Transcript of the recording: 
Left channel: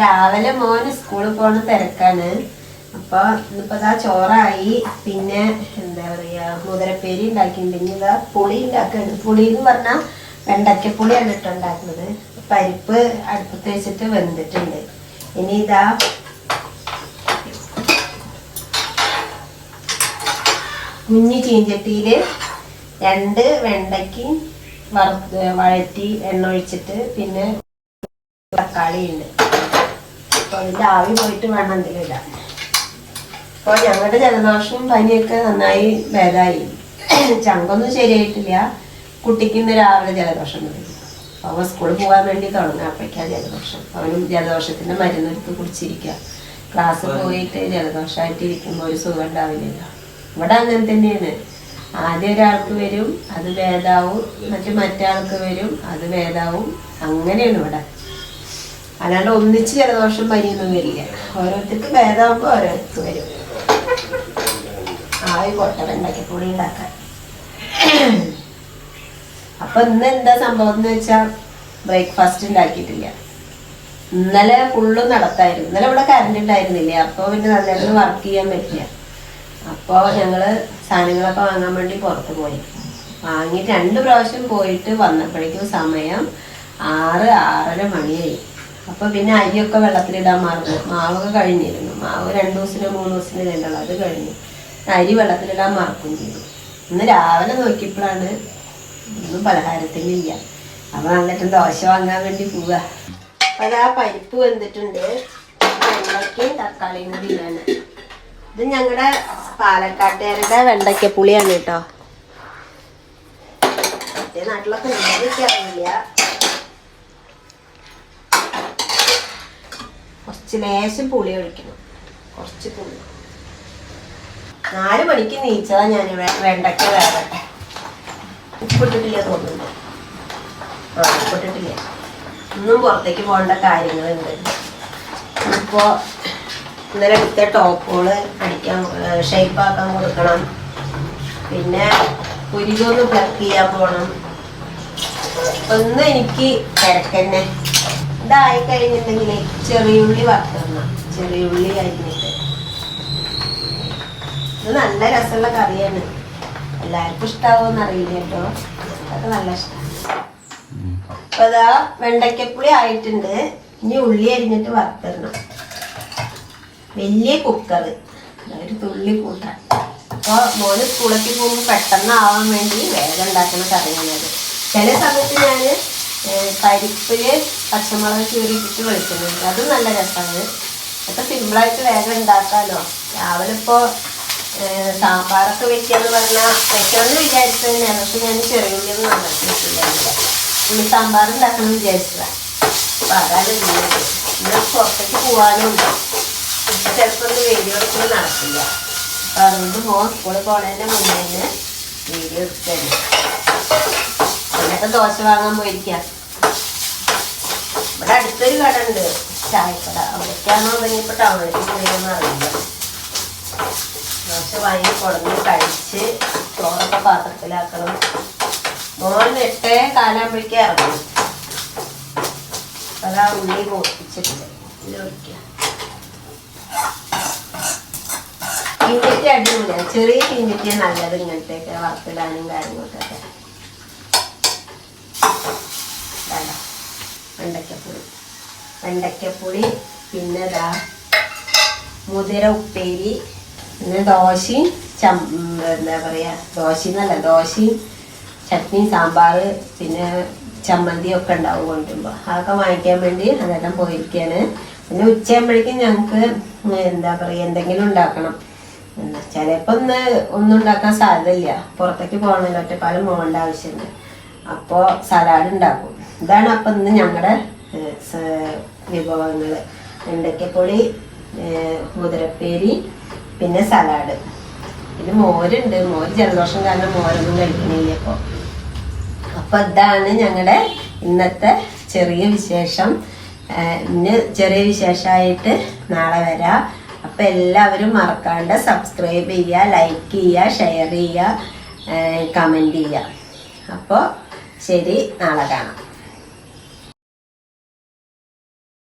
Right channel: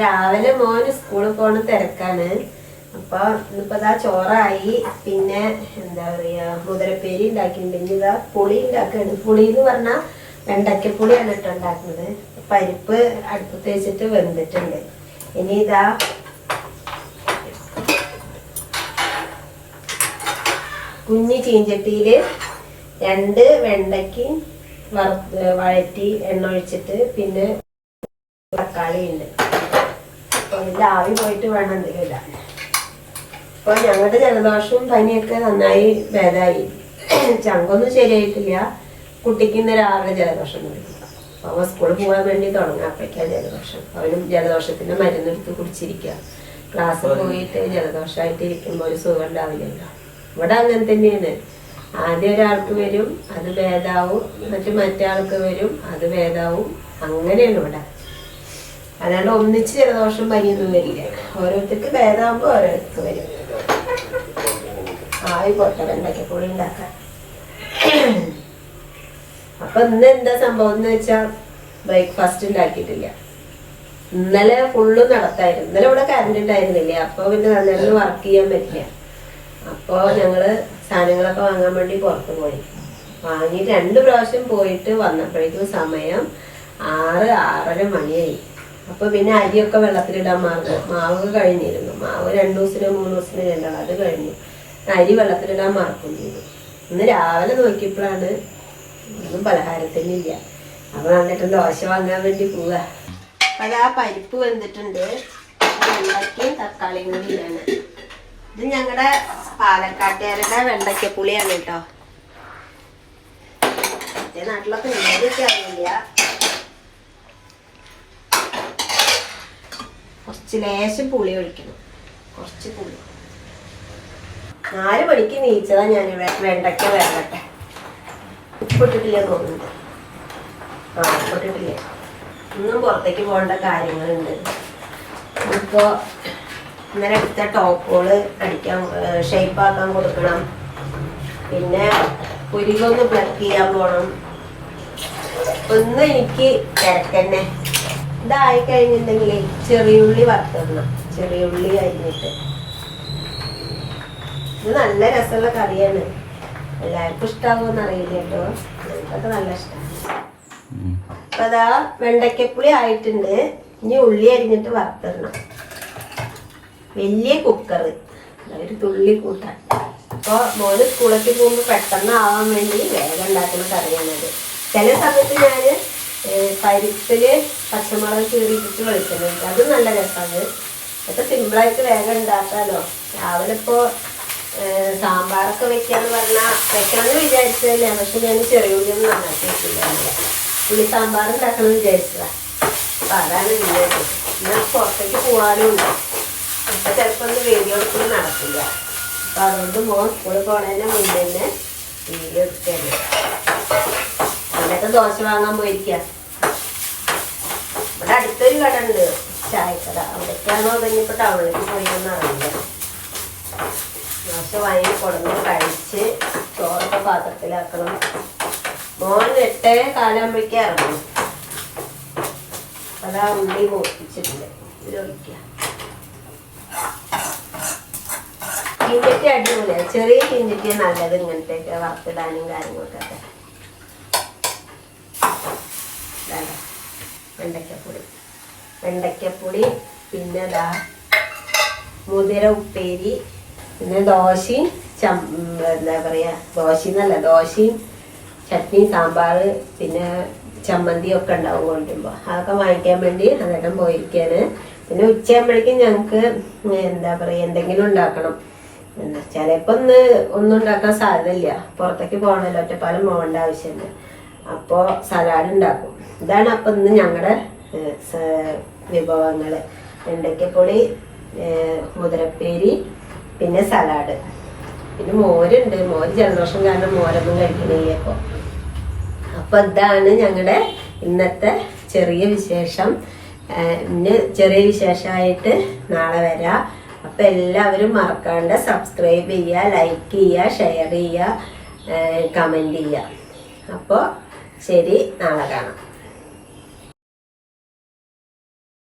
രാവിലെ മോന് സ്കൂളിൽ പോണ തിരക്കാണ്. അപ്പൊ ഇന്നിപ്പോ ഇതാ ചോറായി. പിന്നെ എന്താ പറയാ, മുതിരപ്പേരി ഉണ്ടാക്കിയിട്ടുണ്ടെങ്കിൽ ഇതാ പുളി ഉണ്ടാക്കുകയാണ്. പുളി എന്ന് പറഞ്ഞാൽ വെണ്ടയ്ക്കപ്പുളിയാണ് ഇട്ട് ഉണ്ടാക്കുന്നത്. പരിപ്പ് അടുപ്പത്ത് വെച്ചിട്ട് വെന്തിട്ടുണ്ട്. ഇനി ഇതാ കുഞ്ഞി ചീഞ്ചട്ടിയില് 2 വെണ്ടയ്ക്ക് വഴറ്റി എണ്ണ ഒഴിച്ചിട്ട് പിന്നെ തക്കാളി ഉണ്ട്. അപ്പൊ അതിന്റെ ആവി പോയിട്ട് വേണം എന്തെങ്കിലും ഇടാൻ. അപ്പൊ ഞങ്ങളുടെ ജലദോഷവും പനിയൊക്കെ നന്നായി ഭേദമായി. ചങ്കൊന്നും ശരിയായിട്ടില്ല. കുട്ടിക്ക് ഇന്ന് രാവിലെ ജലദോഷം തുടങ്ങി. അവൻ സ്കൂളിൽ പോകാൻ വേണ്ടി തുടങ്ങാപ്പോഴേക്കാ ജലദോഷം. അവനും ജലദോഷത്തിന്റെ മരുന്നെടുത്ത് കുടിച്ചിരിക്കുക. ക്ലാസ് പോയിട്ട് ജലദോഷമായിട്ട് ഇരിക്കുമ്പോൾ ഒരു സുഖം ഉണ്ടാവില്ലല്ലോ. ഇവിടെ അങ്ങനെ തന്നെയാണ്. ആദ്യം ഒരാൾക്ക് വരും, അത് ഭേദാവും. മറ്റേ ആൾക്ക് വരും, അത് ഭേദാവും. അങ്ങനെയാണ് ഇവിടെ. അല്ലാണ്ട് ഒന്നിച്ച് ജലദോഷം പനിയൊന്നും വരില്ല. ഓരോരുത്തർക്ക് ഭേദമാകുമ്പോൾ ഓരോരുത്തർക്ക് വരും. ആവി പോട്ടെ വെണ്ടയ്ക്കപ്പൊടി ഉണ്ടാക്കാൻ. അപ്പൊ ഇന്ന് എന്താ സംഭവം എന്ന് വെച്ചാൽ ബ്രേക്ക്ഫാസ്റ്റ് ഉണ്ടാക്കിയിട്ടില്ല. ഇന്നലെ ഫുള്ള് നടത്തായിരുന്നു. ഇന്നലെ ഇവിടെ കറണ്ട് ഉണ്ടായിരുന്നില്ല. അപ്പൊ പിന്നെ നല്ലൊരു വർക്ക് ചെയ്യാൻ പറ്റില്ല. അപ്പൊ ഞങ്ങള് സാധനങ്ങളൊക്കെ വാങ്ങാൻ വേണ്ടി പുറത്ത് പോയി. വാങ്ങി 2 പ്രാവശ്യം പോയിട്ട് വന്നപ്പോഴേക്കും സമയം 6-6:30 മണിയായി. അപ്പൊ പിന്നെ അരിയൊക്കെ വെള്ളത്തിലിടാൻ മറന്നു. മാവൊക്കെ കഴിഞ്ഞിരുന്നു. മാവ് 2 ദിവസത്തിനോ 3 ദിവസത്തിന് വേണ്ടത് അത് കഴിഞ്ഞു. അരി വെള്ളത്തിലിടാൻ മറക്കും ചെയ്തു. ഇന്ന് രാവിലെ നോക്കിയപ്പോഴാണ് ഒന്നും പലഹാരത്തിനില്ല. അപ്പൊ നന്നിട്ട് ദോശ വാങ്ങാൻ വേണ്ടി പോവുക. അപ്പൊ ആ പരിപ്പ് വെന്തിട്ടുണ്ട്. വെണ്ടയ്ക്കയും തക്കാളിയും കൂടി ഇടാണ്. ഇത് ഞങ്ങളുടെ പാലക്കാട്ടുകാരുടെ വെണ്ടയ്ക്കപ്പുളിയാണ് കേട്ടോ. മറ്റേ നാട്ടിലൊക്കെ ഉണ്ടാവില്ല. കുറച്ച് ലേശം പുളി ഒഴിക്കണം. കുറച്ച് പുളി. 4 മണിക്ക് നീച്ചതാ ഞാൻ. വെണ്ടയ്ക്ക വേവട്ടെ. ഉപ്പിട്ടിട്ടില്ല തോന്നുന്നു. ഉപ്പിട്ടിട്ടില്ല. ഒന്നും പുറത്തേക്ക് പോകേണ്ട കാര്യങ്ങളുണ്ട്. ഇപ്പോ ഇന്നലെ എടുത്ത ടോപ്പുകള് അടിക്കാൻ ഷേപ്പാക്കാൻ കൊടുക്കണം. പിന്നെ പുരികൊന്ന് പ്ലക്ക് ചെയ്യാൻ പോണം. ഒന്നും എനിക്ക് തിരക്കന്നെ. ഇതായി കഴിഞ്ഞിട്ടുണ്ടെങ്കിൽ ചെറിയുള്ളി വറുത്തിടണം. ചെറിയുള്ളി അരിഞ്ഞിട്ട്. ഇത് നല്ല രസമുള്ള കറിയാണ്. എല്ലാവർക്കും ഇഷ്ടാവോന്ന് അറിയില്ല കേട്ടോ. അതൊക്കെ നല്ല ഇഷ്ടമാണ്. അപ്പൊ അതാ വെണ്ടയ്ക്കപ്പുളി ആയിട്ടുണ്ട്. ഇനി ഉള്ളി അരിഞ്ഞിട്ട് വറുത്തിടണം. വലിയ കുക്കറ്, ഒരു തുള്ളി കൂട്ടാൻ. അപ്പോൾ മോന് സ്കൂളിലേക്ക് പോകുമ്പോൾ പെട്ടെന്ന് ആവാൻ വേണ്ടി വേഗം ഉണ്ടാക്കുന്ന കറിയാണത്. ചില സമയത്ത് ഞാൻ പരിപ്പില് പച്ചമുളക് കീറിയിട്ടിട്ട് വെളിച്ചെണ്ണ. അത് നല്ല രസമാണ്. അതൊക്കെ സിമ്പിളായിട്ട് വേഗം ഉണ്ടാക്കാമല്ലോ. രാവിലെ ഇപ്പോൾ സാമ്പാറൊക്കെ വെക്കാന്ന് പറഞ്ഞാൽ വെക്കണമെന്ന് വിചാരിച്ചത് തന്നെയാണ്. പക്ഷെ ഞാൻ ചെറിയുള്ളിയൊന്നും നന്നാക്കി വെച്ചില്ല. ഉള്ളി സാമ്പാർ ഉണ്ടാക്കണമെന്ന് വിചാരിച്ചതാണ്. അപ്പം അതാണ് ഇന്നത്. ഇന്ന് പുറത്തേക്ക് പോകാനും ഉണ്ട്. ഇപ്പം ചിലപ്പോൾ ഒന്ന് വീഡിയോ എടുക്കുന്നത് നടക്കില്ല. അപ്പം അതുകൊണ്ട് മോൻ സ്കൂളിൽ പോണതിൻ്റെ മുന്നേ തന്നെ വീഡിയോ എടുക്കുകയാണ്. എന്നിട്ട് ദോശ വാങ്ങാൻ പോയിരിക്കുക. ഇവിടെ അടുത്തൊരു കട ഉണ്ട്, ചായക്കട. അവിടേക്കാണോ തുടങ്ങിയപ്പോൾ ടൗണിലേക്ക് പോയിട്ടൊന്നും അറിയില്ല. ദോശ വാങ്ങി കൊടുന്ന് കഴിച്ച് ചോറൊക്കെ പാത്രത്തിലാക്കണം. മോൻ 8:15 ഇറങ്ങും. അതാ ഉള്ളി പൊട്ടിച്ചിട്ടുണ്ട്. ഇതിലൊഴിക്കുക. ചീഞ്ചട്ടി അടിപൊളിയാണ്. ചെറിയ ചീഞ്ചട്ടിയാണ് നല്ലത് ഇങ്ങനത്തെയൊക്കെ വറുത്തിടാനും കാര്യങ്ങൾക്കൊക്കെ. വെണ്ടയ്ക്കപ്പുളി പിന്നെ ഇതാ മുതിര ഉപ്പേരി, പിന്നെ ദോശയും എന്താ പറയുക, ദോശയും ചട്നി സാമ്പാർ പിന്നെ ചമ്മന്തിയൊക്കെ ഉണ്ടാവും കൊണ്ടുമ്പോൾ. അതൊക്കെ വാങ്ങിക്കാൻ വേണ്ടി അതെല്ലാം പോയിരിക്കുകയാണ്. പിന്നെ ഉച്ചയാകുമ്പോഴേക്കും ഞങ്ങൾക്ക് എന്താ പറയുക എന്തെങ്കിലും ഉണ്ടാക്കണം. ചിലപ്പോൾ ഒന്നും ഉണ്ടാക്കാൻ സാധ്യതയില്ല. പുറത്തേക്ക് പോകണമല്ലോ, ഒറ്റപ്പാലം പോകേണ്ട ആവശ്യമുണ്ട്. അപ്പോൾ സലാഡ് ഉണ്ടാക്കും. ഇതാണ് അപ്പം ഇന്ന് ഞങ്ങളുടെ വിഭവങ്ങൾ. വെണ്ടയ്ക്കപ്പൊടി, മുതിരപ്പേരി, പിന്നെ സലാഡ്, പിന്നെ മോരുണ്ട്. മോര് ജലദോഷം കാരണം മോരൊന്നും കഴിക്കണില്ല ഇപ്പോൾ. അപ്പോൾ ഇതാണ് ഞങ്ങളുടെ ഇന്നത്തെ ചെറിയ വിശേഷം. ഇന്ന് ചെറിയ വിശേഷമായിട്ട് നാളെ വരാം. അപ്പം എല്ലാവരും മറക്കാണ്ട് സബ്സ്ക്രൈബ് ചെയ്യുക, ലൈക്ക് ചെയ്യുക, ഷെയർ ചെയ്യുക, കമൻറ്റ് ചെയ്യുക. അപ്പോൾ ശരി, നാളെ കാണാം.